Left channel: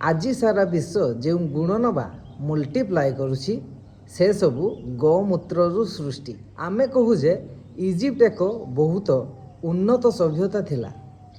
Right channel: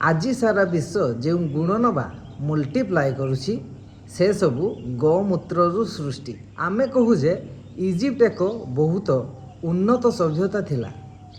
आज सारा विश्व जो गुणन बा मल्टीप्लाए करुछि से सबू गौमूत्रु सृष्टि। आमे कहू जे इजिप्ट एक बहुत उन्नत सभ्यता थिला,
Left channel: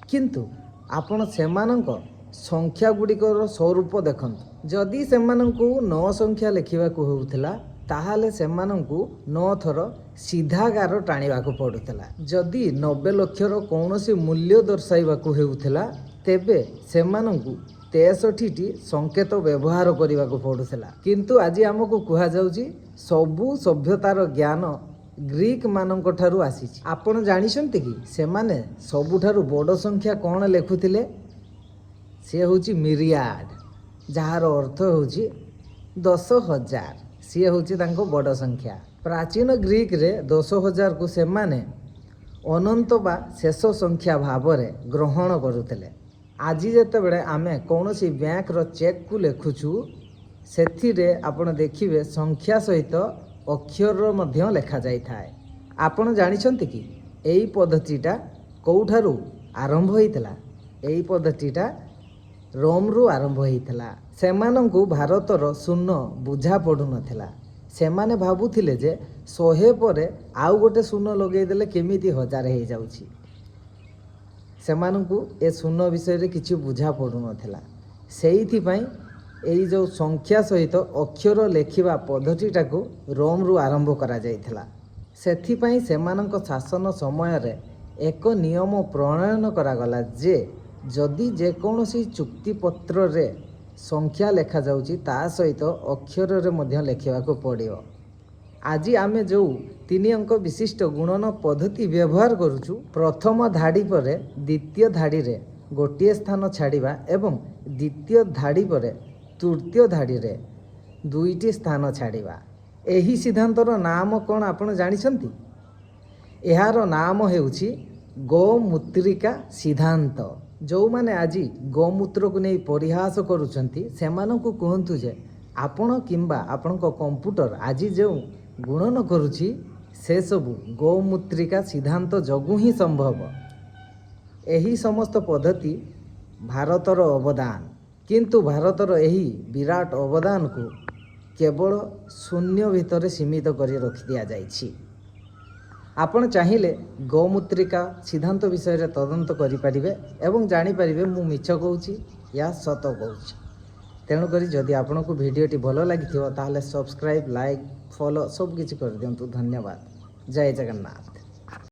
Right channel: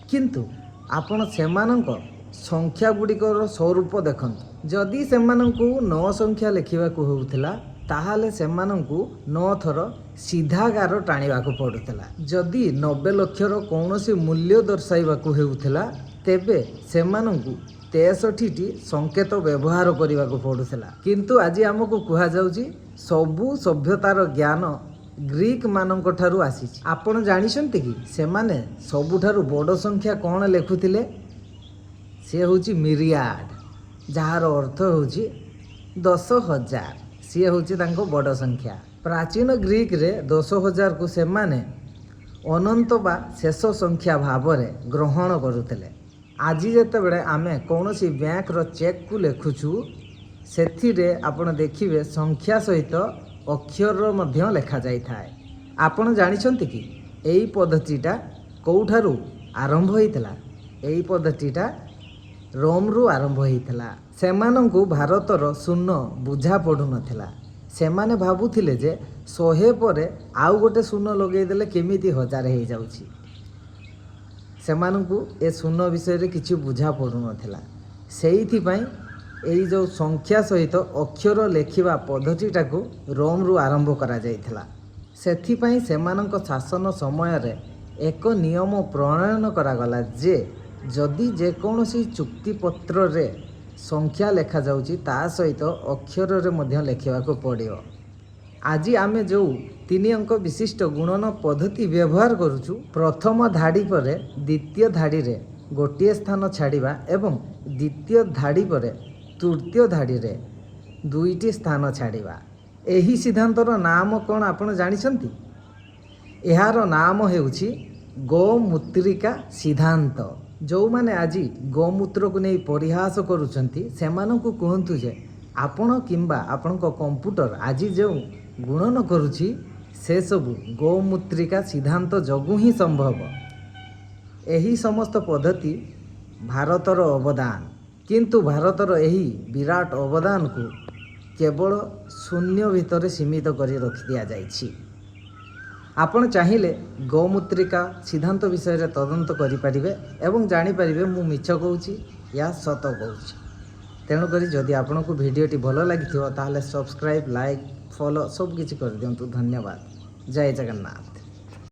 किंतु आपण सेमानंक संख्या गुड़िकर स्वरूप देखंतु। जदि सेमानंकु 9 संख्या लिखिबाकू होउथिला ताहाले सेमानंकु 9 थर सीधा गार टाणिबाकू पडुथिला। जदि 90 लक्षर कौनसी मूल्य दर्शाइबाकू हेउथिला तेबे सेमानंकु 63टी संकेत व्यवहार करने पड़ूला। किंतु आज आमको कह जाउची सबु सभ्यतार ज्ञान ग्रीक मानक ठारू आसी। आपण जानिछन्ति कि सेमाने सबुठारू बड़ संख्या कौन लेखुथिले? से होची मिरियाड, जार अर्थ होची 10,000। सी होची तांको बड़ संख्या। प्राचीन ग्रीक रे 10,000 को सेमाने अनंत बा शेष संख्या भाव में ग्रहण करुथिले। आज जितेबले आमे कौन सी बैंक रो चेक को लिखुचु से आपण देखिए संख्या सहित अक्षर मध्य लेखा जाई थाए। आपण जानिछन्ति कि एई पद्धतिटा कोठारू आरंभ होइतला? एई पद्धतिटा रोम रु आरंभ होइतला। सेमानंकु भारतर शून्य बुझा पड़ू नथिला। सेमाने भाबुथिले जे 100 परे आउ गोटे शून्य लगेई देले केमिति 1000 हो जाउची। सेमानंकु ए शून्य विषय किसी बुझा पड़ू नथिला। सेइथिपाई एई जो संख्या सहित अक्षर लेखिबा पद्धतिटा को रोम रु आरंभ करा जाइथिला। सेथिपाई सेमानंक शासन समय रे एक नियम प्रणयन करागला जे जदि जेकोसी चुक्तिपत्र रे संख्या लेखा जाउची ता सहित अक्षर रे मध्य लेखिबाको पड़ियो। आज आमे जो 3 अंक विशिष्ट गुणन पद्धति व्यवहार करुचु, प्रथम धाड़ी पर द्वितीय धाड़ी रे गोटे स्थान छाड़िबा एवं द्वितीय धाड़ी पर तृतीय धाड़ी रे 2टी स्थान छाड़िबा। एही सिद्धांतर नाम कौन आपण जानिछन्ति? एहार नाम हेउछि गौमूत्रिका सिद्धांत। जो माने आज गौमूत्र को नहीं परिहास करुछन्ति सेमानंकु कहंतु जे आपण किंबा आपणक कंप्यूटर आज जो गुणन करुछि से सबु गौमूत्रिका सिद्धांत जगु ही संभव। एही समस्त पद्धति भारतर अवदान, किंतु भारतर एही विराट अवदान को केवल शून्य भितर सीमित करी रखि दिया जाइछि। आपण चाहिए गौमूत्रिका सिद्धांत विषय रे तदंत करिपारिबे एवं जानिपारिबे मु मिछ कहूछि या सत कहूछि। तेणुकरी जदि आपको भिडियोटी भल लगी ताहले सब्सक्राइब, लाइक, फॉलो सब किछि कर दियंतु। धन्यवाद। जय जगन्नाथ।